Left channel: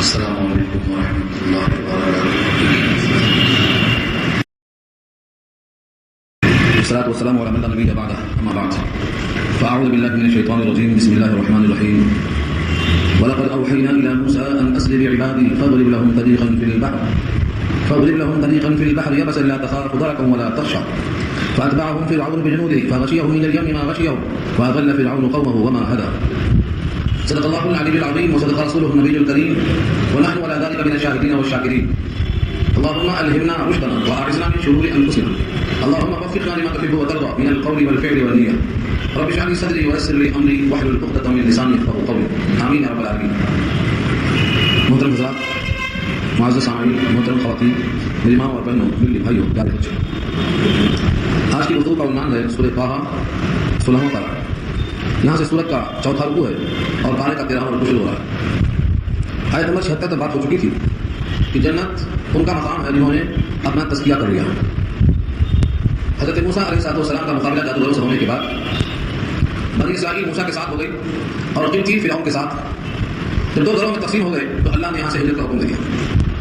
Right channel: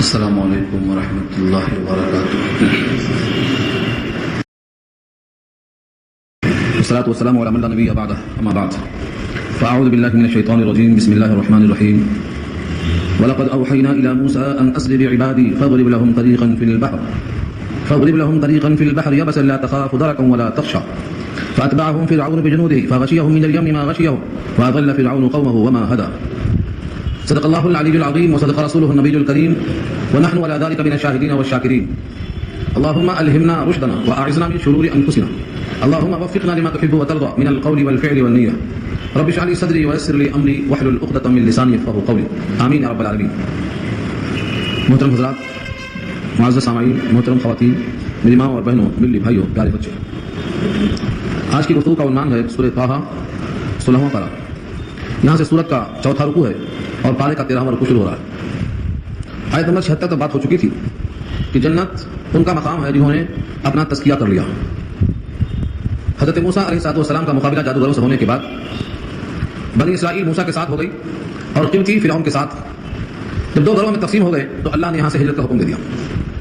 السلام علیکم ورحمۃ اللہ وبرکاتہ. والصلاة والسلام على من لا نبي بعده أما بعد فأعوذ بالله من الشيطان الرجيم. بسم الله الرحمن الرحيم. ولقد أوحينا إلى موسى أن أسر بعبادي فاضرب لهم طريقا في البحر يبسا لا تخاف دركا ولا تخشى فأتبعهم فرعون بجنوده فغشيهم من اليم ما غشيهم فأضل فرعون قومه وما هدى. صدق الله العلي العظيم وصدق رسوله النبي الكريم ونحن على ذلك من الشاهدين والشاكرين. اللهم ألهمنا رشدنا وأعذنا من شرور أنفسنا. اللهم وفقنا لما تحب وترضى من القول والفعل والنية. رب اشرح لي صدري ويسر لي أمري واحلل عقدة من لساني يفقهوا قولي. آمين يا رب العالمين. محترم حضرات، معزز سامعین، محترم خواتین، میری ماں اور بہنوں، ملی بھائیوں، پیارے بچے، آج کی گفتگو کا عنوان ہے سورۃ طٰہٰ 16واں پارہ. یہاں سے سورت کا چوتھا رکوع ہے اور پارے کا 13واں رکوع شروع ہو رہا ہے. آیت نمبر 76 تک بات ہو چکی تھی کہ جنت ان کا مقام ہے جنہوں نے اپنا تزکیہ کر لیا. حضرت موسیٰ علیہ السلام کا مقابلہ جادوگروں سے ہونے کے بعد بنی اسرائیل موسیٰ کے ساتھ ہو گئی اور قبطی فرعون کے ساتھ. جب دو گروہوں میں تقسیم ہو گئے تو اللہ نے یہاں سے ہجرت کا حکم دے دیا.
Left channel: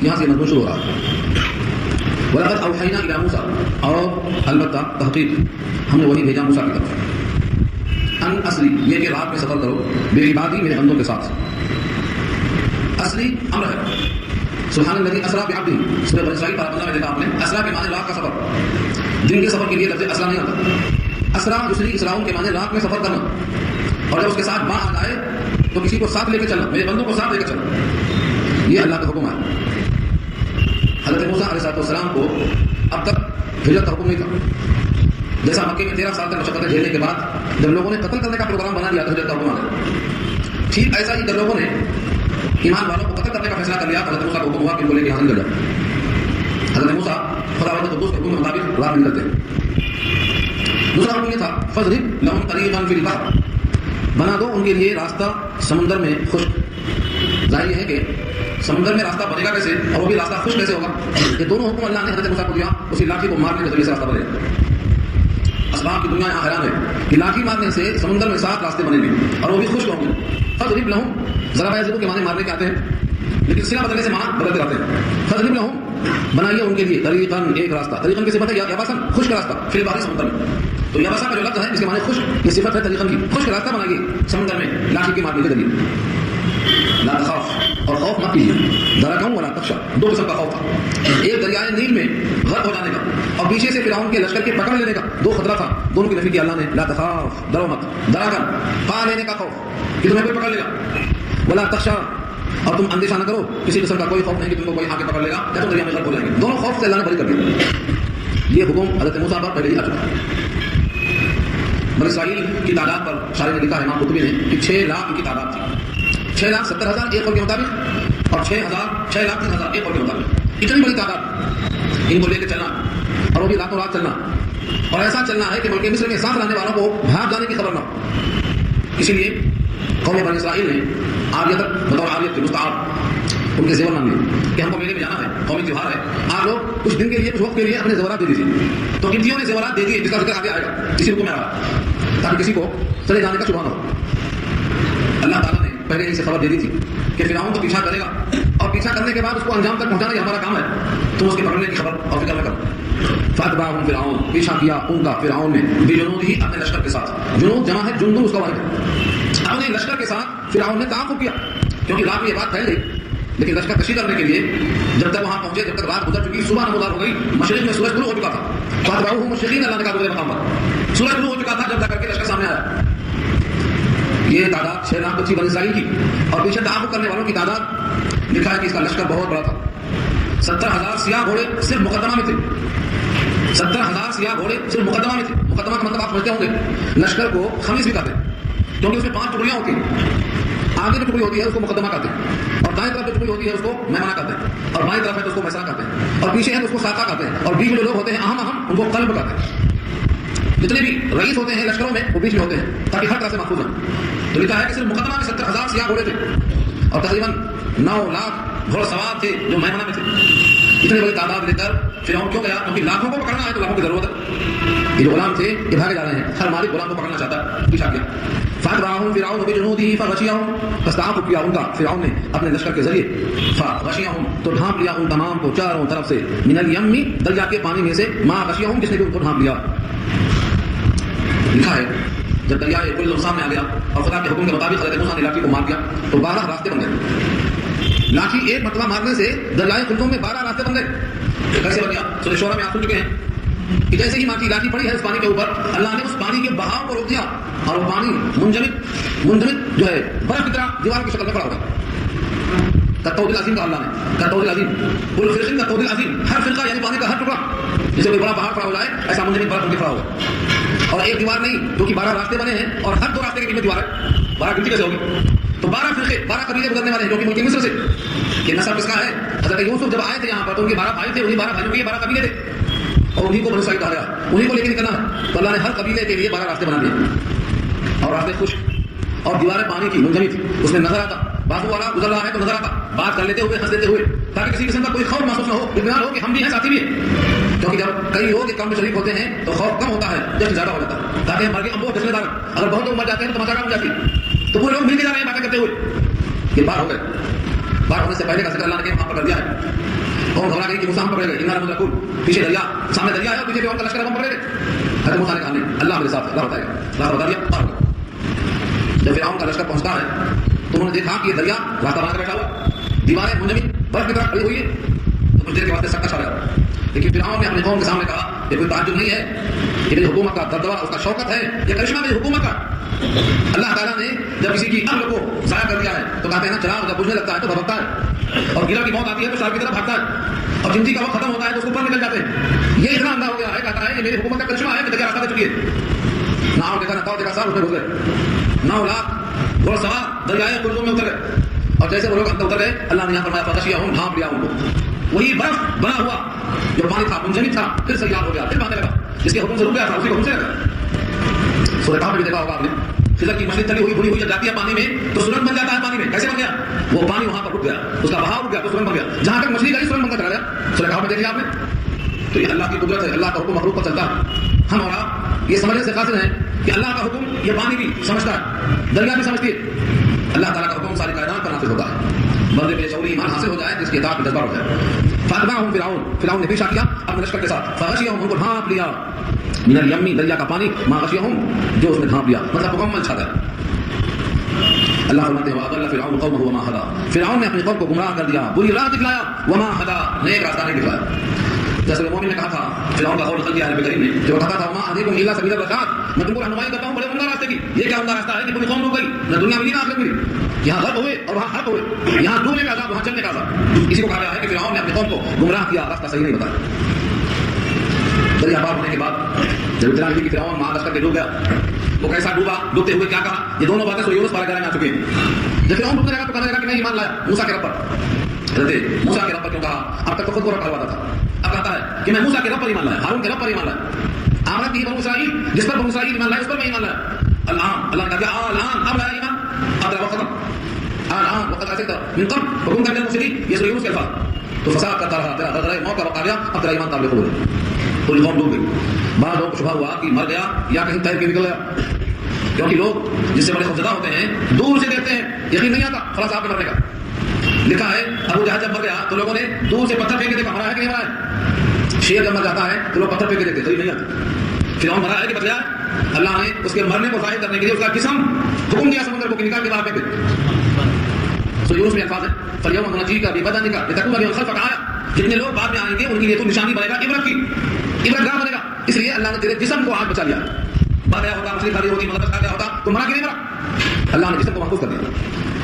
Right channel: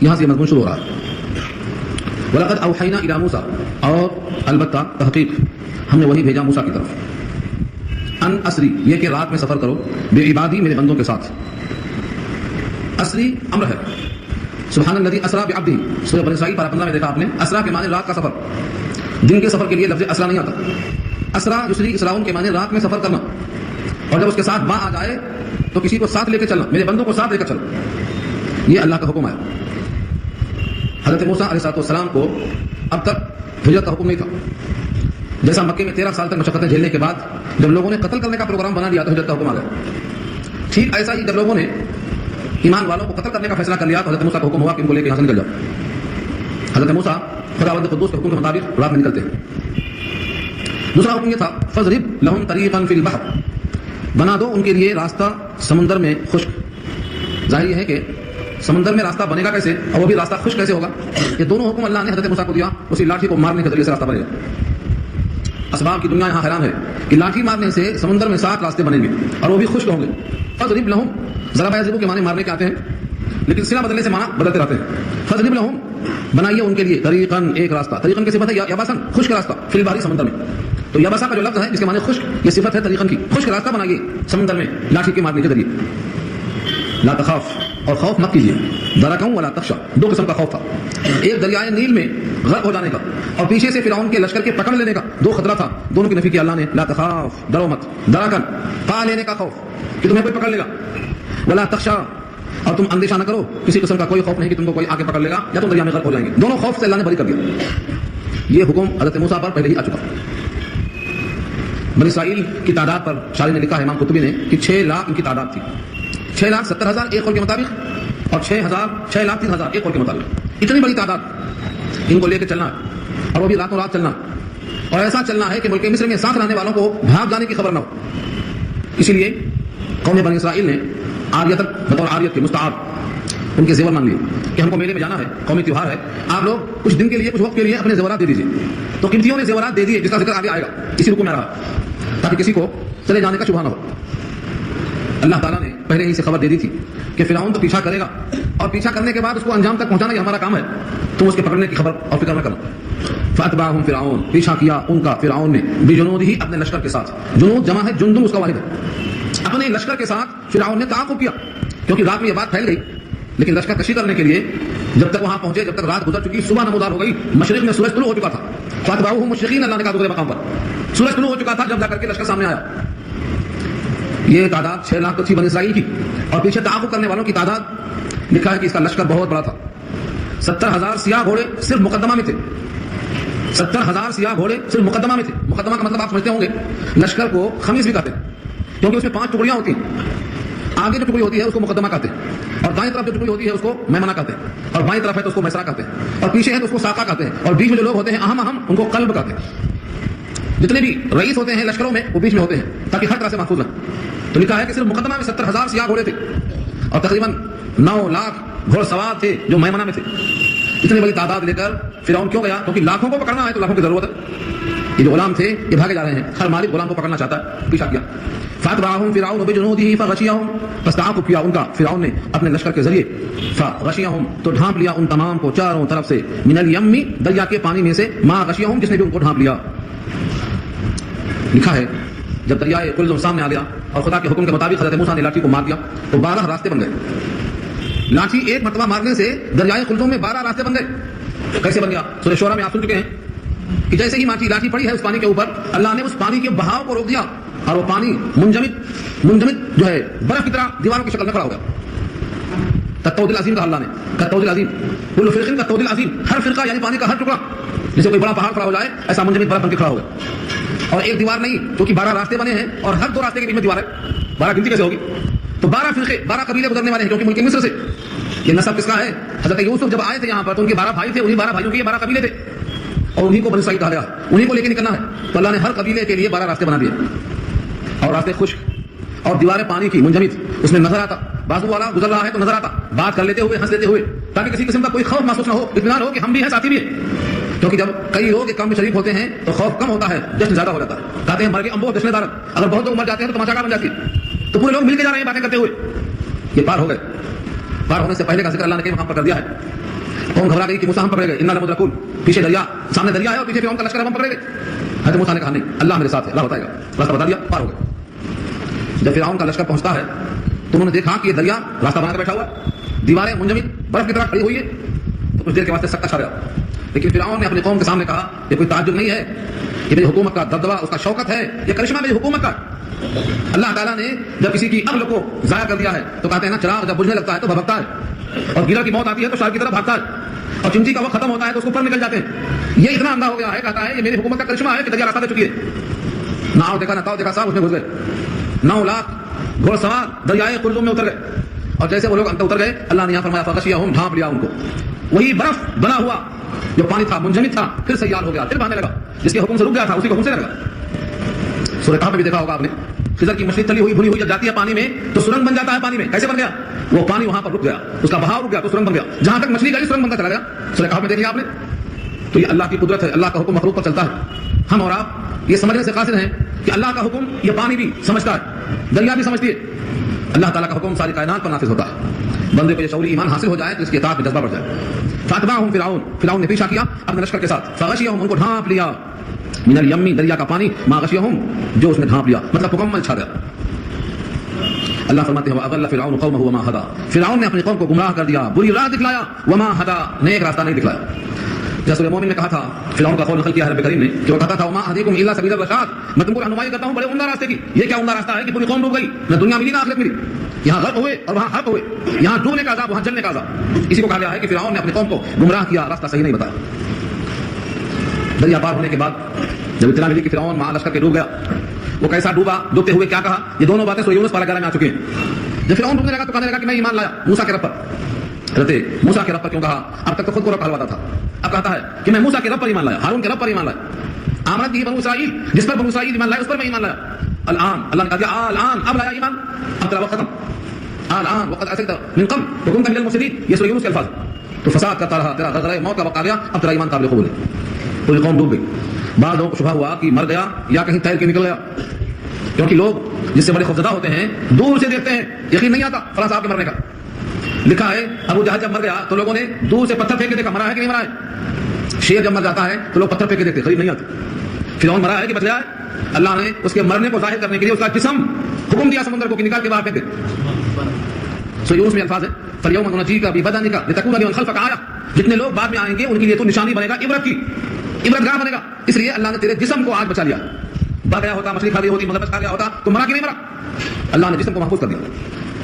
یہاں سے یہ مضمون شروع ہو رہا ہے. وَلَقَدْ أَوْحَيْنَا إِلَىٰ مُوسَىٰ، اور البتہ تحقیق ہم نے وہی بھیجا موسیٰ کی طرف. ان اسری، یہ کہ رات میں سفر کرو، بعبادی، میرے بندوں کے ساتھ. اسری امر ہے. سبحان الذی اسریٰ بعبدہ، سورۃ بنی اسرائیل پارہ 15 میں دیکھا آپ نے. اسریٰ کے معنی رات کا سفر. دن کے سفر کے لیے لفظ اسریٰ نہیں آتا. اسریٰ یسری، اسراء کے معنی رات میں سفر کرنا، اور جب اس کے ساتھ با آ جائے تو کسی کو ساتھ لے کے چلنا، میرے بندوں کو ساتھ لے کر چلنا. یہ اللہ کا حکم ہے. حضرت موسیٰ علیہ السلام کو اب تک ہجرت کا حکم نہیں تھا. جیسا مکے میں 13 سال تک مشقتیں جھیلنے کے بعد جب لوگوں نے قتل کرنے کا پروگرام بنا لیا تو ہجرت کا حکم آ گیا. ٹھیک ایسا ہی جب لوگوں نے ایمان والوں کو قتل کرنے کا فیصلہ کر لیا تو حضرت موسیٰ کا حکم ہوا کہ ان کو لے کے یہاں سے نکل جاؤ. حضرت موسیٰ خداوند قدوس کے حکم کے مطابق رات میں نکلتے ہیں. دوسرا حکم یہ تھا فَاضْرِبْ لَهُمْ طَرِيقًا فِي الْبَحْرِ، بنا دو ان کے لیے راستہ سمندر میں خشک. ظاہر ہے کہ سمندر میں راستہ بنے گا کیسے اور وہ بھی راستہ خشک کیسے ہوگا. یہ دونوں حکم اللہ نے حضرت موسیٰ کو دیا. اسی لاٹھی کو مارنے کے ذریعے سے راستہ بنے. اسباب کی دنیا یہاں حیران ہے کہ لاٹھی مارنے سے سمندر میں 7 راستے بنیں گے اور وہ بھی خشک ہوں گے. فَاضْرِبْ لَهُمْ، ذرا یضرب کے معنی مارنے کے آتے ہیں لیکن صیغہ بدلنے سے معنی بدلتے رہتے ہیں. فَاضْرِبْ لَهُمْ، بنائیے ان کے لیے طریقاً، ایک راستہ. طریقاً کی صفت ہے یابساً، خشک راستہ. فی البحر، سمندر میں. تو یابسا کا جو لفظ ہے جس کے معنی خشک، یہ صفت ہے طریقاً کی. خشک راستہ بنائیے سمندر میں لاٹھی کے مارنے کے ذریعے. لا تخاف، اور خوف مت کیجیے. درکا ولا تخشى، 2 قسم کا خوف تھا. ایک دریائے نیل میں غرق ہو جانے کا اور پیچھے سے فرعون کے لشکر کے پکڑ لینے کا 2 خطرہ تھا. دونوں کی نفی کی اللہ نے. لا تخاف، ڈرو مت. درکا، پا لینے کا خوف کہ تمہیں کوئی پکڑ لے گا. ولا تخشى، اور تم اندیشہ نہ کرو، کسی قسم کا کوئی خوف نہیں کہ تم کو کوئی آگے پکڑ لے گا یا تم دریا میں غرق ہو جائیں گے. دونوں خوف سے اللہ نے بری کر دیا. یہ حکم حضرت موسیٰ پر پہلے ہی آ چکا. بنی اسرائیل کی تعداد پر شاعر نے لکھا ہے، امام قرطبی نے، کہ 6 لاکھ ان کی تعداد تھی. 6,70,000 ایک قول کے مطابق اور 6,03,000 ایک قول کے مطابق. اتنی بڑی تعداد ان کو لے کے چلنا اور وہ بھی راتوں رات چلنا، اور ایسا چلنا ہے کہ ملک مصر میں ساتھ رہنے والوں کو بھاگ جانے کی خبر نہ ہو. اسی لیے قوم بنی اسرائیل نے عاریت بطور عاریت کے مستعار ان کے زیور مانگ لیے کہ ہم کو میلے میں جانا ہے، قومی تہوار ہے، آپ لوگ کچھ دن کے لیے، کچھ وقت کے لیے اپنے زیورات دے دیجیے. تو قبطیوں نے زیورات دے دیے، جس کا ذکر آگے آئے گا اسی رکوع میں آ رہا، تاکہ کسی کو چلے جانے کا شبہ نہ ہو. اللہ تعالیٰ نے پہلے ہی سے خبر دے دی تھی کہ فرعون تو پیچھا کرے گا اور پیچھا کرنے کے بعد اس کو انجام تک پہنچانا یہ ہمارا کام ہے. تم اس کے پکڑنے کی خبر اور فکر نہ کرو. فَأَتْبَعَهُمْ فِرْعَوْنُ، پیچھا کیا ان کا فرعون نے، بِجُنُودِهِ، اپنے لشکر کے ساتھ. جنود جمع ہے جندو، اس کا واحد ہے. اپنے لشکر کے ساتھ فرعون نے تعاقب کیا کیونکہ رات میں یہ بات پھیل گئی. لیکن لشکر کشی کرنے کے لیے جب تک وہاں پہنچے، جب تک رات گزر چکی، صبح نمودار ہو گئی، مشرق میں سورج طلوع ہو چکا تھا. فَأَتْبَعُوهُمْ مُشْرِقِينَ، اللہ نے کہا دوسرے مقام پر سورج طلوع ہو چکا تھا جب جا کر کے لشکر سامنے آیا. یہ تعداد 6 لاکھ تھی بنی اسرائیل کی، اور پیچھے تعاقب کرنے والوں کی تعداد لکھا ہے کہ اس کا لشکر بہت بڑا تھا. 70,000 سیاہ گھوڑے صرف مقدمہ میں تھے. 70,000 سیاہ گھوڑے صرف مقدمہ میں تھے. مقدمہ کا مطلب آپ سمجھتے ہوں گے، لشکر کو خمیس بھی کہتے ہیں کیونکہ اس میں 5 ٹکڑیاں ہوتی ہیں. آگے جو ٹکڑی ہوتی ہے اس کو مقدمہ کہتے ہیں، اور دائیں طرف جو ٹکڑی ہوتی ہے اس کو میمنہ کہتے ہیں، اور بائیں طرف ہے تو اس کو میسرہ کہتے ہیں، اور پیچھے ہے تو اس کو ساقہ کہتے ہیں، اور بیچ میں جو لوگ ہوتے ہیں اہم ان کو قلب کہتے ہیں. جتنے بھی رئیس ہوتے ہیں لشکروں میں وہ بیچ میں ہوتے ہیں تاکہ ہر طرح سے محفوظ رہیں. تو لکھا ہے کہ صرف مقدمہ میں 70,000 سیاہ گھوڑے تھے اور تقریباً 9 لاکھ گھوڑ سوار تھے جو میمنہ میں تھے. اتنی بڑی تعداد لے کر فرعون کیوں گیا؟ کیونکہ لاکھوں کو پکڑنا ہے تو لاکھوں کی ضرورت ہے. یہ جو غلام تھے یہ بھاگے جا رہے ہیں، ہر مالک غلام کو پکڑنا چاہتا ہے، پیچھا کیا. فاتبعهم فرعون بجنوده فغشيهم، فاستعاقب کیا ان کا فرعون نے اپنے لشکر کے ذریعے، فغشيهم تو ڈھانپ لیا ان تمام کو چاروں طرف سے، من الیم دریا کے پانی میں سے، ما غشيهم جس نے بھی ان کو ڈھانپ لیا. لکھا ہے جب دریائے قلزم سامنے آ گیا اور خدا کے حکم کے مطابق حضرت موسیٰ نے لاٹھی کو مار دیا تو 12 راستے بن گئے. لاٹھی ایک مرتبہ مارنے سے دریائے قلزم میں 12 راستے بن گئے. کیسے بن گیا؟ سورہ شعراء میں آپ سن چکے ہیں کہ جیسے ہی لاٹھی پڑی ہے اس پانی کے اوپر، اللہ نے اس پانی کے بہاؤ کو روک دیا اور وہ پانی منجمد جو ہے برف کی طرح دیوار کی شکل میں کھڑا ہو گیا. کالطود العظیم کہا اللہ نے، کالطود العظیم، کل فرق کالطود العظیم، ہر فرقہ یعنی پانی کا ہر ٹکڑا جیسے کوئی بڑا پہاڑ کھڑا ہو جائے ایسا منجمد برف بن کے کھڑا ہوگا. اور ایک دیوار نہیں جو کہ 12 راستے بنے ہیں اور ہر 2 راستے کے بیچ میں دیوار ہے. 12 گنتی کیسے ہوگی؟ تو 12 فرقے، 12 قبیلے گزرنے والے ہیں جو کہ ملک مصر سے. یہ نسب کس کا ہے؟ حضرت یوسف جب آئے تھے یہاں پر تو ان کے 12 بھائی تھے، انہی 12 بھائیوں کے یہ 12 قبیلے تھے اور انہی کو بنی اسرائیل کہا گیا، انہی کو لے کے نکلنا ہے. تو اللہ نے ہر قبیلے کے لیے 12 راستے بنا دیے اور راستے خشک اور دیواریں پانی کی منجمد. اس میں نظر آتا بازو والا گزر رہا ہے تو نظر آتا، بات کر لیتے ہوئے، ہنس لیتے ہوئے، تاکہ کسی قسم کا کوئی خوف محسوس نہ ہو، اطمینان ہو کہ ہم بھی ہیں، ساتھی بھی ہیں. کیونکہ جب کئی لوگ ایک کام میں شریک ہوتے ہیں تو خوف کم ہوتا ہے، جشن زیادہ ہو جاتا ہے. کہتے ہیں مر کے امبو جشن دار، اگر بہت لوگ مر جاتے ہیں تو تماشا بن جاتی ہے. تو پورے لوگ مل کے جا رہے ہیں باتیں کرتے ہوئے. یہ بار ہو گئے. بار ہونے سے پہلے کا ذکر اللہ نے کئی مقام پر کر دیا ہے. قوم گھبرا گئی کہ موسیٰ ہم پکڑے گئے، انا لمدرکون، پیچھے دریا، سامنے دریا ہے اور پیچھے فرعون کا لشکر، ہم پکڑے گئے. حضرت موسیٰ نے کہا نہیں، اللہ میرے ساتھ ہے، اللہ بتائے گا. راستہ بتا دیا، پار ہو گئے. جب فرعون کا لشکر پہنچتا ہے تو انہوں نے دیکھا کہ یہ دریا راستہ بنا کر بیٹھا ہوا، دیواریں منجمد برف کی طرح کھڑی ہوئی ہے. تو کچھ دیر کے واسطے سکتا چھا گیا. لیکن فرعون نے اپنے قوم کے سامنے کہا یہ کوئی تعجب نہیں ہے، یہ میری حکومت کا دبدبہ، اس کا شوکت ہے، یہ کرشمہ میری حکومت کا. اللہ تعالیٰ نے جب کسی کی عقل کو ضائع کر دیا ہے تو کہتے ہیں نا چراغ جب بجھنے لگتا ہے تو بھبکتا ہے، اور گیلر کی موت آتی ہے تو شار کی طرف بھاگتا ہے، اور چمٹی کا وقت ختم ہوتا ہے تو اس کو اوپر نکل جاتے ہیں. یہ اتنا اندھا ہو گیا ہے، کہتا ہے یہ میری حکومت کا کرشمہ ہے کہ دریا راستہ دے چکی ہے. ناؤ دیکھا نہ تاؤ دیکھا، سب اس میں گھس گئے. 9 لاکھ گھوڑ سوار دریائے قلزم میں اتر گئے. اور جیسے وہ لوگ اندر اتر گئے اللہ نے یہاں فرمایا فغشیہم، ڈھانپ لیا ان کو. وہی برف بنا ہوا جو پانی تھا منجمد تھا پھر سیال ہو گیا، پھر بہنے لگا. جس کے حکم سے رک گیا تھا اسی کو حکم سے لگا. سورہ کہف میں بھی دیکھا ہوگا آپ نے، خضر کی مچھلی تلی ہوئی بھنی ہوئی جب جاتی ہے پانی میں تو سرنگ بن جاتا ہے. پانی میں کیسے بن گیا؟ وہ پانی وہاں پر رک گیا، اس کا بہاؤ رک گیا تو سرنگ بن گیا. جہاں تک مچھلی گئی سرنگ بنتا چلا گیا. سورہ کہف میں دیکھ لیا آپ نے. تو یہ اللہ کی قدرت ہے، اللہ کا حکم مخلوق پر چلتا ہے. ہم اور آپ یہ سمجھنے سے قاصر ہیں کہ اللہ کا حکم یہ پانی بھی سمجھتا ہے، دریا بھی سمجھتی ہے. اللہ تعالیٰ کا حکم ساری کائنات پر نافذ ہوتا ہے. بندے کو یہ شعوری ایمان حاصل ہو جائے تو اس کی اطاعت میں جذبہ بڑھ جائے. فاتبعهم فرعون نے پیچھا کیا اپنے لشکر کے ساتھ، فغشیہم ان کو ڈھانپ لیا، من الیم دریا کا پانی، ما غشیہم جو اس میں ڈھانپ لیا، مطلب مکمل چھا گیا. اللہ فرماتے ہیں وَأَضَلَّ فِرْعَوْنُ قَوْمَهُ وَمَا هَدَىٰ، فرعون نے اپنے قوم کو گمراہ کر دیا، بری راہ دکھلایا، وما هَدَىٰ نیک راستہ نہیں دکھلایا. جیسے سورہ مومن میں کہا تھا، فرعون کا قول نقل کیا ہے نبی کریم نے کہ وہ کہتا تھا وما اهدیکم الا سبیل الرشاد، میں تم کو رہنمائی کرتا ہوں بڑے عمدہ راستے کی. یہ کیا عمدہ راستہ ہے کہ پوری قوم ڈوب گئی، نہ دنیا ملی نہ آخرت ملی. یہاں غرق ہوئے اور وہاں غرق ہوئے، یہاں ڈوبنے کا عذاب وہاں جلنے کا عذاب. اسی کو کہا گیا ہے کہ فرعون نے اپنی قوم کو گمراہ کیا، راستہ صحیح نہیں بتایا. دریا پار ہونے کے بعد جب اطلاع ملی کہ فرعون مہا لشکر کے ڈوب گیا، وہ کیسا ڈوبا، ڈوبتے ہوئے کیا کہا، یہ دونوں باتیں سورہ یونس 12 میں آ چکی ہیں. جب فرعون ڈوبنے لگا تو کہنے لگا کہ میں ایمان لایا موسیٰ کے رب پر. حضرت موسیٰ کے رب پر کیوں کہا؟ اب تک تو خود کو رب کہلواتا تھا، اب کہتا ہے کہ میں موسیٰ کے رب پر ایمان لایا، ہارون کے رب پر ایمان لایا. آمنت بھی بنو اسرائیل، جس پر بنو اسرائیل ایمان لائے اس پر میں ایمان لایا. الآن اللہ نے کہا الآن اب لایا ایمان، اب تیرا وقت ختم. الآن وقت عصيت من قبل وكنت من المفسدين، یہ سورہ یونس کے الفاظ. تو فساد کرتا رہا، تیرا غدرہ موت کا وقت آ گیا، اب تیرا ایمان قابل قبول ہے. پوری قوم ڈوب گئی. بعض لوگوں کو شبہ ہوا کہ مر گیا یا کہیں تیر کے نکل گیا، کیونکہ لوگ جس سے بڑے خوفزدہ ہوتے ہیں دور سے دیکھتے ہیں، یقین نہیں آتا فلاں صاحب کے مرنے کا. لکھا ہے ابو جہل جب مر گیا تو لوگوں نے دور سے پتھر پھینک کے دیکھا مرا ہے کہ نہیں مرا ہے. شیر جب مر جاتا ہے تو لوگ پتھر پھینک کے دیکھتے، صحیح نہیں آتا. فرعون مرا ہے کہ بچ گیا ہے. اللہ نے اس کے مرنے کو ظاہر کرنے کے لیے اس کا جسم حکم دیا سمندر کو کہ نکال کے باہر پھینک دے. سورہ یونس میں الفاظ ہے فَالْيَوْمَ نُنَجِّيكَ بِبَدَنِكَ لِتَكُونَ لِمَنْ خَلْفَكَ آیَةً. جتنے لوگ بعد میں آئیں گے ان کے لیے تو نشانی بنے گا، عبرت کی، عبرت گاہ بنے گا. اس لیے اللہ نے تیرے جسم کو آج بچا لیا. بھاگ گیا ہوتا، مچھلی کھا لی ہوتی، مدد کھا لیا ہوتا تو مرا کہ نہیں مرا. اللہ نے جسم کو محفوظ کر دیا،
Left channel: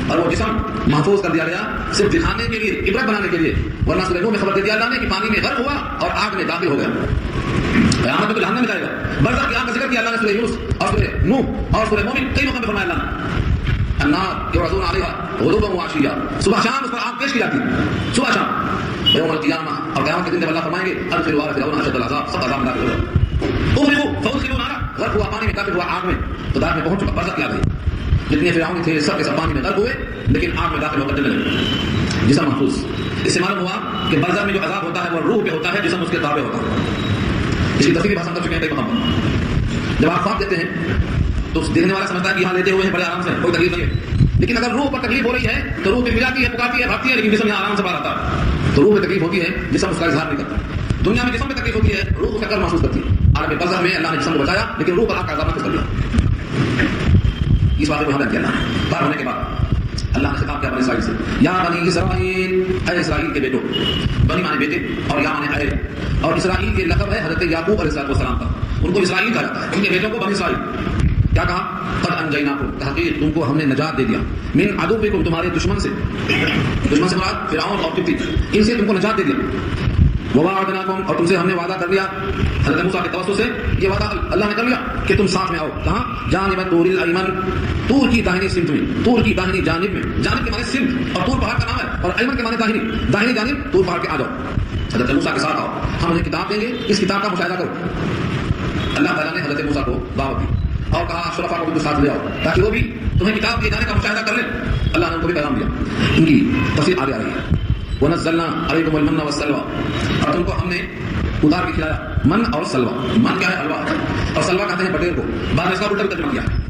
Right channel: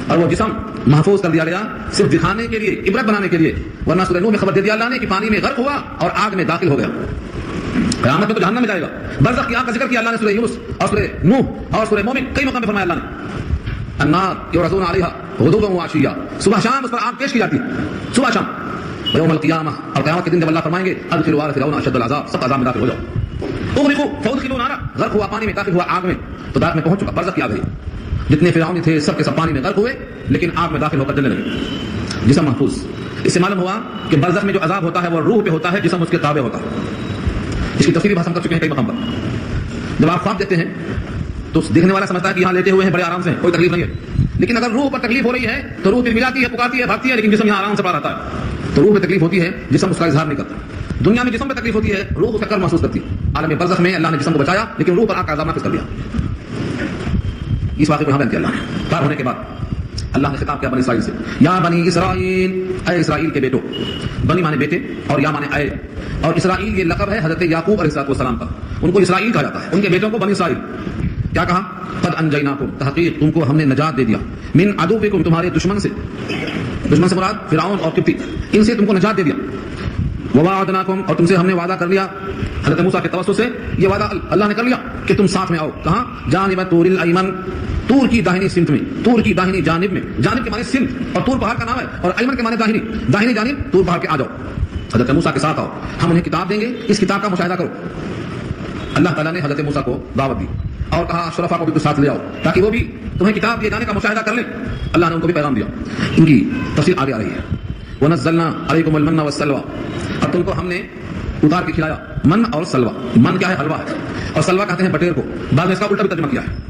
اور وہ جسم محفوظ کر دیا گیا صرف دکھانے کے لیے، عبرت بنانے کے لیے. ورنہ سورہ نوح میں خبر دے دیا اللہ نے کہ پانی میں غرق ہوا اور آگ میں داخل ہو گیا، قیامت میں تو جہنم میں جائے گا. برزخ یہاں کا ذکر کیا اللہ نے سورہ یونس اور سورہ نوح اور سورہ مومن کئی موقع پہ فرمایا اللہ نے. النار یعرضون علیہا غدوا وعشیا، صبح شام اس پر آگ پیش کی جاتی ہے، صبح شام. یوم القیامہ، اور قیامت کے دن جب اللہ فرمائیں گے ادخلوا آل فرعون اشد العذاب، سب عذاب میں داخل ہو جاؤ. اغرقوا فادخلوا نارا، غرق ہوا پانی میں، داخل ہوا آگ میں، تو داخل میں پہنچ چکا، برزخ کی آ گئی. جتنے فرعون تھے سب کے سب پانی میں غرق ہوئے لیکن آگ میں داخل ہو کر جلنے لگے، جسم محفوظ. اس سے معلوم ہوا کہ برزخ میں جو عذاب ہوتا ہے وہ روح پہ ہوتا ہے، جسم اس کے تابع ہوتا ہے. اس کی تفصیلی بحث ہم کر چکے ہیں کئی مقام پر. جب آپ خواب دیکھتے ہیں تو دیکھنے والا سمجھتا ہے کہ یہاں لیٹے ہوئے ہیں بڑے آرام سے, کوئی تکلیف نہیں ہے. لیکن اگر روح پر تکلیف ہو رہی ہے تو روح پھرپھراتی ہے, پکارتی ہے, بھاگتی ہے, لیکن جسم یہاں آرام سے پڑا رہتا ہے. تو روح پہ تکلیف ہوتی ہے, جسم اس کا اظہار نہیں کرتا. دنیا میں جسم پہ تکلیف ہوتی ہے, روح اس کا کر محسوس کرتی ہے. عالم برزخ میں اللہ نے جسم کو بچایا لیکن روح پر آنکھ کا عذاب نافذ کر دیا. اس واقعے کو یہاں بیان کیا اللہ پار ہونے کے بعد اللہ نے خطاب کیا بنی اسرائیل سے, یا بنی اسرائیل, اے اسرائیل کے بیٹو. بنی مانے بیٹے اور یا مانے اے, اور اسرائیل یہ لقب ہے حضرت یعقوب علیہ السلام کا. ان کو اسرائیل کہا جاتا ہے, ان کے بیٹوں کو بنی اسرائیل. کیا کہا؟ قد انجیناکم, تحقیق تم کو ہم نے نجات دے دیا, من عدوکم, تمہارے دشمن سے. دشمن سے مراد فرعون اور قبطی, ان سے تم کو نجات دے دیا. ووعدناکم, اور تم سے ہم نے وعدہ کر لیا حضرت موسیٰ کے توسط سے, یہ وعدہ اللہ نے کر لیا کہ تم ساتھ میں آؤ. کہاں؟ جانب طور الایمن, طور کی داہنی سمت میں, طور کی داہنی جانب میں. جانب کے معنی سمت, اور طور پہاڑ کا نام ہے, اور ایمن کے معنی داہنی. داہنی جانب طور پہاڑ کے آ جاؤ, حضرت موسیٰ کے ساتھ آؤ, ہم انہیں کتاب دیں گے, اس کتاب کا مشاہدہ کرو. اللہ تعالیٰ نے حضرت موسیٰ کو دعوت دی اور کہا شرفا کو بھی ساتھ لے آؤ تاکہ وہ بھی تمہیں کتاب دیے جانے کا مشاہدہ کر لیں. اللہ نے ان کو بھی پیغام دیا. ان کی تفسیر آگے آ رہی ہے. وَنَزَّلْنَا عَلَيْكُمُ الْمَنَّ وَالسَّلْوَىٰ, اور تم کو ہم نے اتار کے کھلایا من اور سلوا. من کیا ہے؟ حلوہ, اور سلوا کہتے ہیں بٹیر کو. بعد میں اس کا الٹا بھی ترجمہ کیا ہے.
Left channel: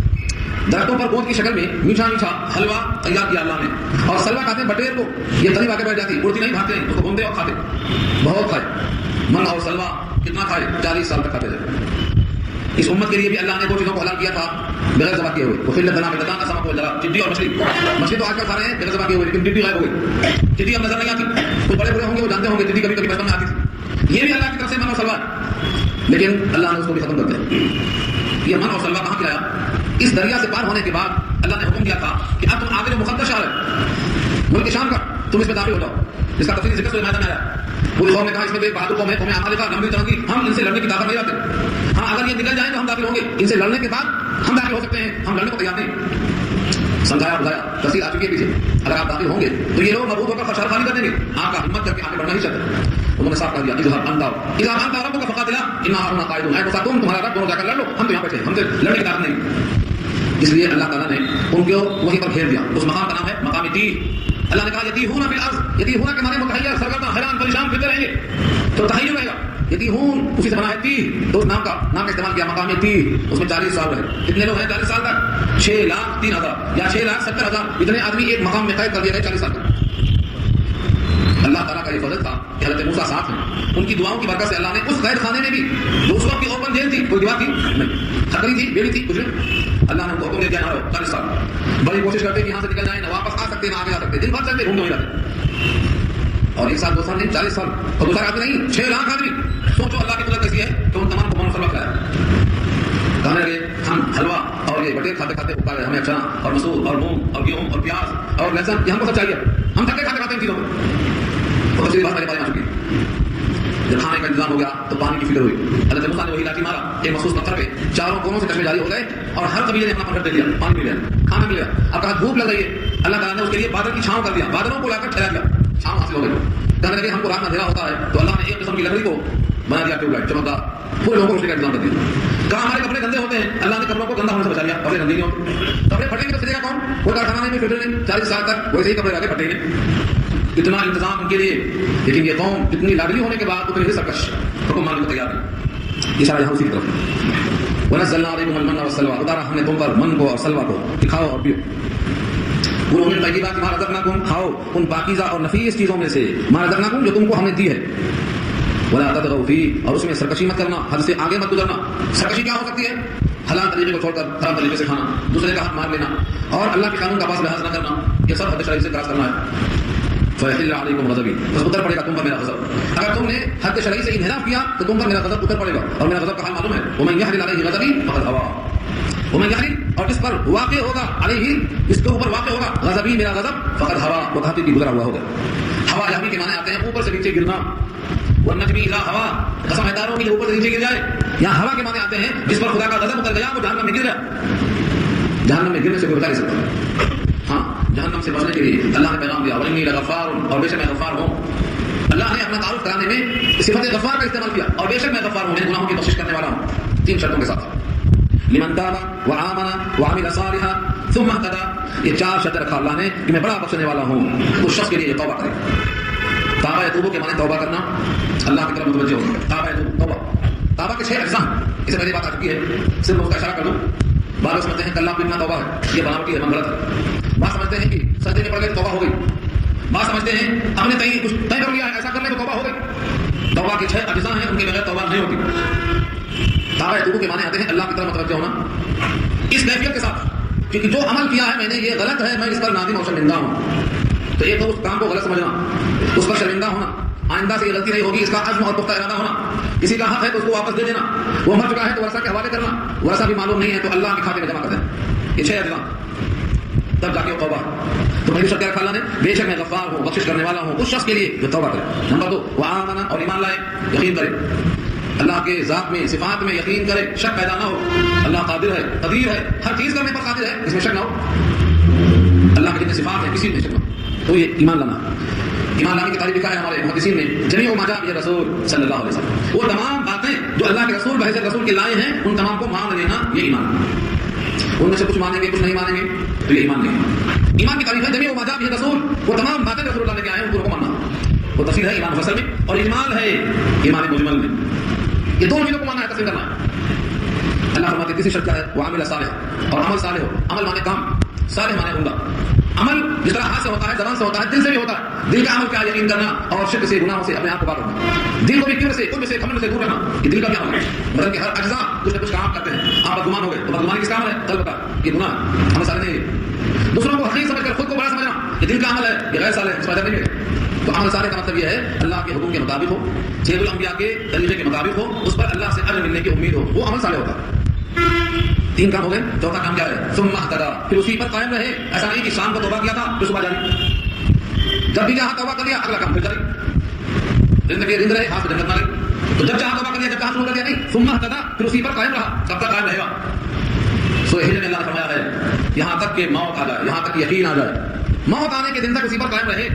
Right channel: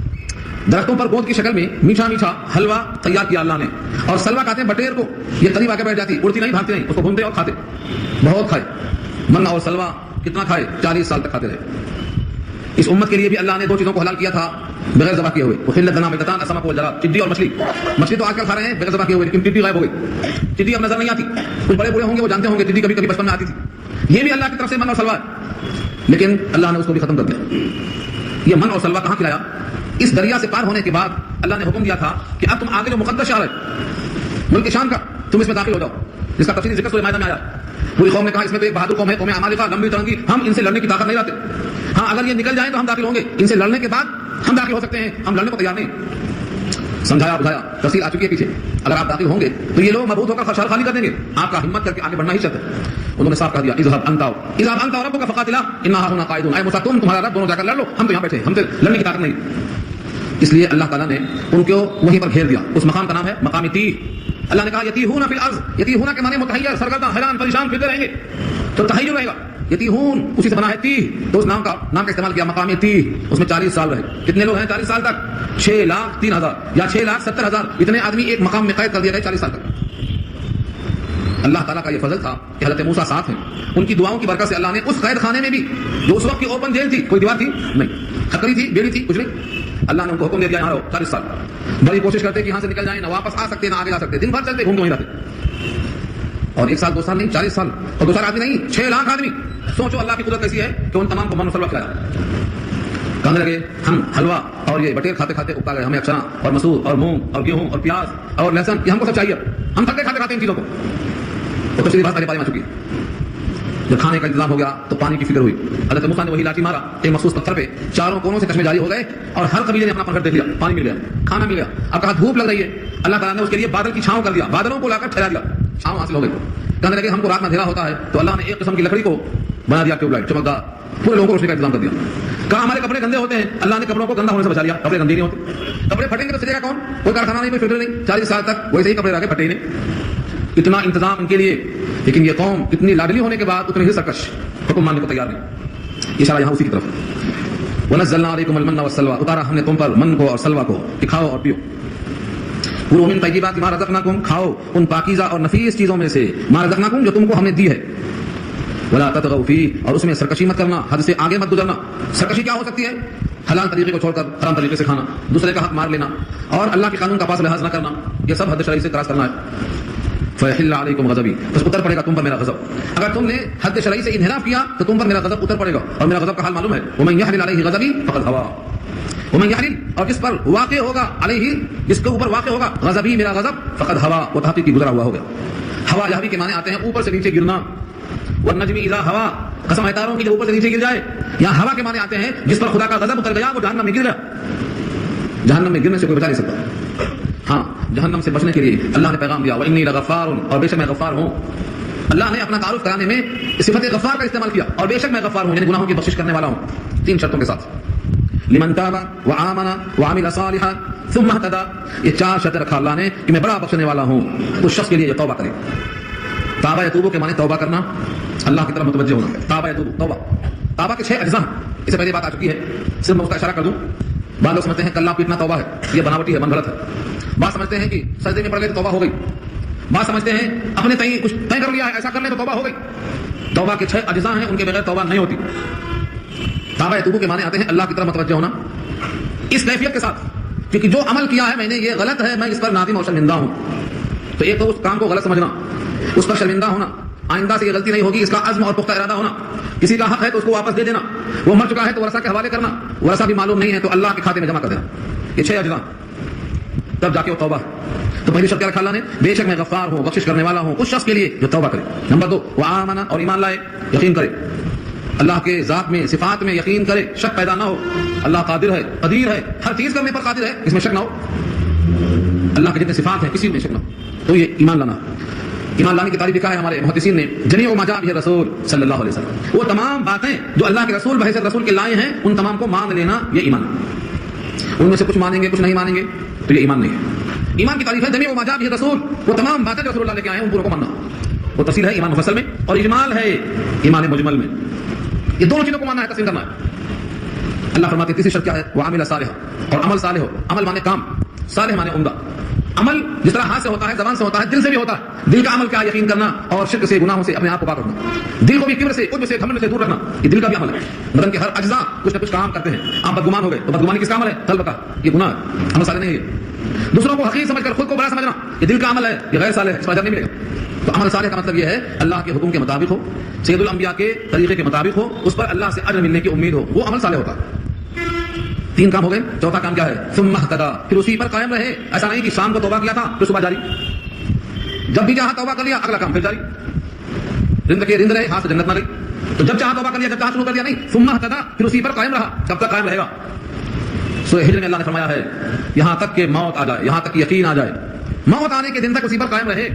درختوں پر گوند کی شکل میں میٹھا میٹھا حلوہ تیار کیا اللہ نے, اور سلوا کہتے ہیں بٹیر کو. یہ قریب آ کے بیٹھ جاتی, اڑتی نہیں, بھاگتے نہیں, اس کو گھومتے اور کھاتے, بہت کھائے. من اور سلوا کتنا کھائے؟ 40 سال تک کھاتے رہے. اس امت کے لیے بھی اللہ نے 2 چیزوں کو حلال کیا تھا بغیر ذبح کیے ہوئے. وفیل لنا بدتان اسمک و جراد, چڈی اور مچھلی. مچھلی تو آج کل کھا رہے ہیں بغیر ذبح کیے ہوئے, لیکن چڈی غائب ہو گئی. چڈی اب نظر نہیں آتی. کچھ بڑے بڑے ہوں گے وہ جانتے ہوں گے چڈی کبھی کبھی بچپن میں آتی تھی. یہ بھی اللہ کی طرف سے من اور سلوا ہے, لیکن اللہ نے اس کو بھی ختم کر دیا. یہ من اور سلوا کہاں کھلایا؟ اس دریا سے پار ہونے کے بعد اللہ نے حکم دیا تھا کہ اب تم آگے جو مقدس شہر ہے ملک شام کا, تم اس میں داخل ہو جاؤ, جس کا تفصیلی ذکر سورہ مائدہ میں آیا. پوری قوم نے کہا اس میں تو ایک بہادر قوم ہے, قوم عمالقہ, لمبی جنگ کی, ہم ان سے لڑنے کی طاقت نہیں رکھتے. ہاں اگر یہ نکل جائیں تو ہم داخل ہوں گے, ان سے لڑنے کے بعد ہم داخل ہو سکتے ہیں, ہم لڑنے کو تیار نہیں. سمجھایا بجھایا, تفصیل آ چکی ہے پیچھے. اگر آپ داخل ہوں گے تو یہ لوگ مبعوث ہو کر خشال خالی کر دیں گے, آپ کا ہمت کر کے آگے بڑھنا ہی چاہتے. انہوں نے صاف کہہ دیا اذهب انت وربك فقاتلا انا هنا قاعدون. اے موسیٰ تم تمہارا رب دونوں جا کر لڑ لو, ہم تو یہاں بیٹھے ہیں, ہم سے لڑنے کی طاقت نہیں. اس لیے اللہ تعالیٰ نے ان کو وہیں پر گھیر دیا. اس مقام کا نام ہے مقام تیہ. اللہ نے کہا یتیہون فی الارض, یتیہون کے معنی متحیر, سرگرداں, حیران, پریشان پھرتے رہیں گے, تو تحیر رہے گا. یتیہون اسی سے بنا ہے تیہ, تو اس نام کا استعمال کیا مقام تیہ. اس میں 40 سال رہے. کتنے لوگ ہیں 40 سال تک؟ 6,03,000 یا 6,70,000, اتنے آدمی ایک مقام میں قید کر دیا گئے 40 سال تک. اللہ تعالیٰ کا یہ فضل تھا کہ حضرت موسیٰ ساتھ ہیں. ان کی دعاؤں کی برکت سے اللہ نے اس قید خانے میں بھی, جو اس وقت کی اوپن جیل تھی, کوئی دیوار تھی نہیں, کھکری تھی, بیڑی تھی, کچھ نہیں, اللہ نے ان کو حکم دے دیا یہاں رہو 40 سال. بڑی کوشش کرتے کہ یہاں سے نکل جائیں, نہ واپس آ سکتے نہ آگے جا سکتے, دن بھر چلتے گھومتے وہیں رہتے. اور 1 سال 2 سال نہیں, 40 سال, اور 2 سال آدمی نہیں, 6 لاکھ آدمی. سوچو اللہ کی قدرت ایسی ہے کہ ان تمام کو من سلوا کھلایا. کہنے لگے ہم حلوہ اور یہ بٹیر کھاتے کھاتے اکتا گئے, ہمیں چنا اور مسور اور مونگ اور گیہوں اور پیاز اور لہسن, یہ ہم کو سب چاہیے, ہم تھکے کھاتے کھاتے ان چیزوں کو. اور دوسری بات پہلے آ چکی ہے. جب کھانے کا انتظام ہو گیا تو پانی کی فکر ہوئی. حضرت موسیٰ نے وہی لاٹھی مارا ایک مخصوص پتھر پہ, چاروں کونوں سے چشمے جاری ہو گئے, اور ہر قبیلے نے اپنا پنکھڑ دیکھ لیا, پانی مل گیا, کھانا مل گیا. اب کہا دھوپ لگ رہی ہے, اللہ تعالیٰ نے اس کے لیے بادل کی چھاؤں کر دیا, بادلوں کو لا کر ٹھہرا دیا, چھاؤں حاصل ہو گئی. کہنے لگے ہم کو رات میں اندھیرا ہوتا ہے, تو اللہ نے ایک قسم کی لکڑی کو بنا دیا ٹیوب لائٹ, چمکدار, پورے لوگوں کو روشنی کا انتظام کر دیا. کہا ہمارے کپڑے گندے ہوتے ہیں, اللہ نے کپڑوں کو گندا ہونے سے بچا لیا. کپڑے گندے نہیں ہوتے, کپڑے پھٹیں گے تو سجے گا کون؟ کوئی کارخانہ نہیں, کوئی فلٹر نہیں, 40 سال تک ویسے ہی کپڑے رکھے پھٹے نہیں. اتنا انتظام ان کے لیے, لیکن یہ قوم اتنی لاڈلی ہونے کے بعد اتنے ہی سرکش, حکم ماننے کو تیار نہیں. اشارہ یہاں اسی کی طرف. وَنَزَّلْنَا عَلَيْكُمُ الْمَنَّ وَالسَّلْوَىٰ, اتارا ہم نے تم پر من کو اور سلوا کو, کہ کھاؤ اور پیو. کُلُوا مِن طَیِّبَاتِ مَا رَزَقْنَاکُمْ, کھاؤ ان پاکیزہ اور نفیس چیزوں میں سے, مَا رَزَقْنَاکُمْ, جو تم کو ہم نے دی ہے. وَلَا تَطْغَوْا فِیہِ, اور اس میں سرکشی مت کرنا, حد سے آگے مت گزرنا. سرکشی کیا ہو سکتی ہے؟ حلال طریقے کو چھوڑ کر حرام طریقے سے کھانا, دوسرے کا حق مار لینا, اور اللہ کے قانون کا پاس لحاظ نہ کرنا, یہ سب حد شرعی سے کراس کرنا ہے. فَيَحِلَّ عَلَيْكُمْ غَضَبِي, بس اتر پڑے گا تم پر میرا غضب. اگر تم نے حد شرعی سے انحراف کیا تو تم پر میرا غضب اتر پڑے گا, اور میرا غضب کا حال معلوم ہے. وَمَن يَحْلِلْ عَلَيْهِ غَضَبِي فَقَدْ هَوَىٰ, وَمَن يَحْلِلْ, اور جس پر واقع ہوگا, علیہ, جس کے اوپر واقع ہوگا, غضبی, میرا غضب, فقد ہوا, وہ حقیقی گزرا ہوا ہوگا. ہوا یہوی کے معنی آتے ہیں اوپر سے نیچے گرنا. والنجم اذا ہوا, قسم ہے تاروں کی جو اوپر سے نیچے گر جائے. یہاں ہوا کے معنی آتے ہیں جس پر خدا کا غضب اتر گیا, وہ جہنم میں گر گیا. جہنم میں گرنے سے کوئی بچا نہیں سکتا. ہاں, جہنم سے بچنے کے لیے اللہ نے پیغام دیا, وَإِنِّي لَغَفَّارٌ, اور بے شک میں غفار ہوں. اللہ نے اپنا تعارف کرانے میں صفت غفار کا استعمال کیا, اور بے شک میں غفار ہوں, یعنی گناہوں کی بخشش کرنے والا ہوں, 3 شرطوں کے ساتھ. لمن تاب وآمن وعمل صالحا ثم اهتدى, یہ 4 شرطیں رکھا اللہ نے کہ میں بڑا بخشنے والا ہوں. اس شخص کے لیے یہ توبہ کرے. تابہ یتوب کے معنی توبہ کرنا, اللہ کی طرف متوجہ ہونا. تابہ یتوب توبہ, توبہ کے 6 اجزاء ہیں. اس سے پہلے بات آ چکی ہے, صرف اس کا اشارہ کر دوں. بعض لوگ سمجھتے ہیں کلہ پیٹنا توبہ ہے, یہ بناوٹی ہے, من غلط ہے. بعض سمجھتے ہیں کہ سجدے میں پڑ گئے توبہ ہو گئی. بعض سمجھتے ہیں اپنے تئیں کچھ طے کر لیا ہے, ایسا کرنے میں توبہ ہو گئی. توبہ کے 6 اجزاء ہیں, ان کے بغیر توبہ نہیں ہوتی. توبہ یتوب کے معنی آتے ہیں اللہ کی طرف متوجہ ہونا اس کیفیت کے ساتھ, کیونکہ جو عمل کیا ہے میں نے یہ غلط ہے, میں اس پر نادم اور شرمندہ ہوں. تو ایک تو اس کام کو غلط سمجھنا, اس پر شرمندہ ہونا, آئندہ سے یہ غلطی نہیں ہوگی اس کا عزم اور پختہ ارادہ ہونا. کسی کا حق ہے تو اس کو واپس دے دینا, وہ مر چکا ہے تو ورثہ کے حوالے کرنا, ورثہ بھی معلوم نہیں ہے تو اللہ کے کھاتے میں جمع کر دینا. یہ 6 اجزاء, تب جا کے وہ توبہ. تو پہلی شرط کیا رکھا اللہ نے, بے شک میں غفار ہوں, بخشش کرنے والا ہوں اس شخص کے لیے جو توبہ کرے. نمبر 2 وآمن, اور ایمان لائے, یقین کرے, اللہ کے ذات میں صفات میں یقین کرے, شک پیدا نہ ہو. اللہ قادر ہے, قدیر ہے, ہر چیز کرنے پر قادر ہے, اس میں شک نہ ہو. اللہ کے جتنے صفات ہیں کسی میں شک نہ ہو, تو یہ ایمان لانا. ایمان لانے کی تعریف لکھا ہے ہمارے محدثین نے, جمیع ما جاء بہ رسول صلی اللہ علیہ وسلم, وہ تمام باتیں جو اللہ کے رسول بحیثیت رسول کے لائے ہیں ان تمام کو مان لینا, یہ ایمان. ان میں سے کچھ مانیں گے کچھ نہیں مانیں گے تو یہ ایمان نہیں ہے. ایمان کی تعریف ہے جمیع ما جاء بہ رسول, وہ تمام باتیں جو رسول اللہ لے کے آئے ہیں ان کو ماننا. وہ تفصیل ہے ایمان مفصل میں, اور اجمال ہے ایمان مجمل میں. یہ دونوں چیزوں کو ماننا ہے, تسلیم کرنا ہے. اللہ فرماتے ہیں تیسری شرط کیا ہے, وعمل صالحا, اور عمل صالح ہو. عمل مانے کام, صالح مانے عمدہ. عمل جس طرح ہاتھ سے ہوتا ہے, زبان سے ہوتا ہے, دل سے بھی ہوتا ہے. دل کا عمل کیا, یقین کرنا اور شرک سے, گناہوں سے اپنے آپ کو پاک رکھنا. دل کو بھی کبر سے, عجب سے, گھمنڈ سے دور رکھنا, یہ دل کا بھی عمل ہے. بدن کے ہر اجزاء کچھ نہ کچھ کام کرتے ہیں. آپ بدگمان ہو گئے تو بدگمانی کس کا عمل ہے, دل بتا, یہ گناہ ہے, عمل صالح نہیں ہے. دوسروں کو حقیر سمجھ کر خود کو بڑا سمجھنا, یہ دل کا عمل ہے, یہ غیر صالح ہے, اس پر اجر نہیں ملے گا. تو عمل صالح کا مطلب یہ ہے اللہ کے حکم کے مطابق ہو, سید الانبیاء کے طریقے کے مطابق ہو, اس پر اللہ سے اجر ملنے کی امید ہو, وہ عمل صالح ہوتا ہے. 3 کام ہو گئے. چوتھا کام کیا ہے, ثم اهتدى, پھر اسی پر قائم رہے. ایسا نہیں کہ شام کو توبہ کیا تھا پھر صبح جاری, جب بھی چاہا توبہ کر لیا اگلا کام پھر جاری, رند رہے, ہاتھ سے جنت نہ گئی. تو جب چاہا توبہ کر لیا, جب چاہا شروع کر دیا, نہیں, ثم اهتدى, پھر اسی پر قائم رہا, کب تک قائم رہے گا. سورہ ہجر میں اللہ نے فرمایا ہے یہاں تک کہ موت آ جائے, یہاں تک یقین آ جائے, موت آنے کے دن تک اسی پر قائم رہے.